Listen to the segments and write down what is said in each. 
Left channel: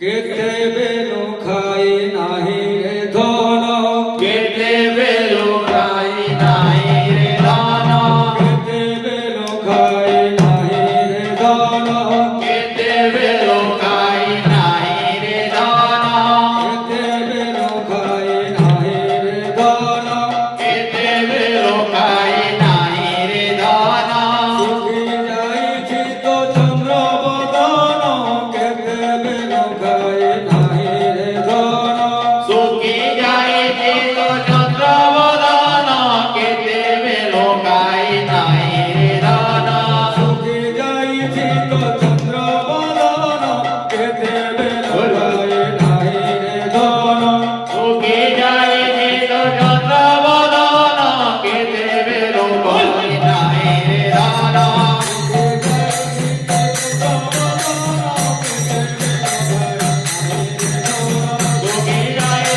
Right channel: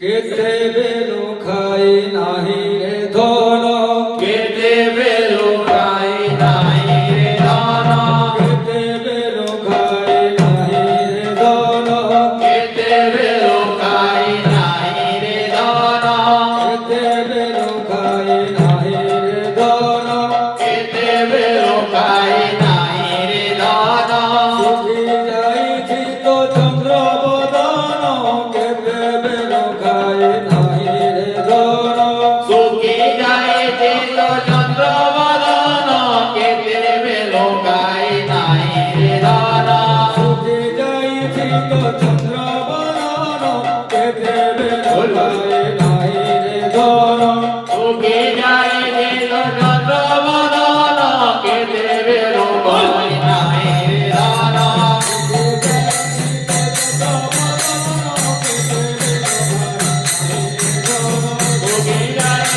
केते बेलो खाई नाही रे धोनो केते बेलो खाई नाही रे धोनो केते बेलो खाई नाही रे धोनो केते बेलो खाई नाही रे धोनो केते बेलो खाई नाही रे धोनो केते बेलो खाई नाही रे धोनो सुखी जाई छी तो चंद्र बदनो केते बेलो खाई नाही रे धोनो सुखी जाए ते तो चंद्र वदनो केते बेलो खाई नाही रे धोनो सुखी जाई छी तो चंद्र बदनो केते बेलो खाई नाही रे धोनो सुखी जाए ते तो चंद्र वदनो केते बेलो खाई नाही रे धोनो सुखी जाए ते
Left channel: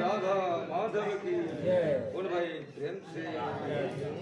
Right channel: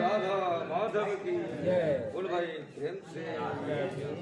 राधा माधव की बोल भाई प्रेम से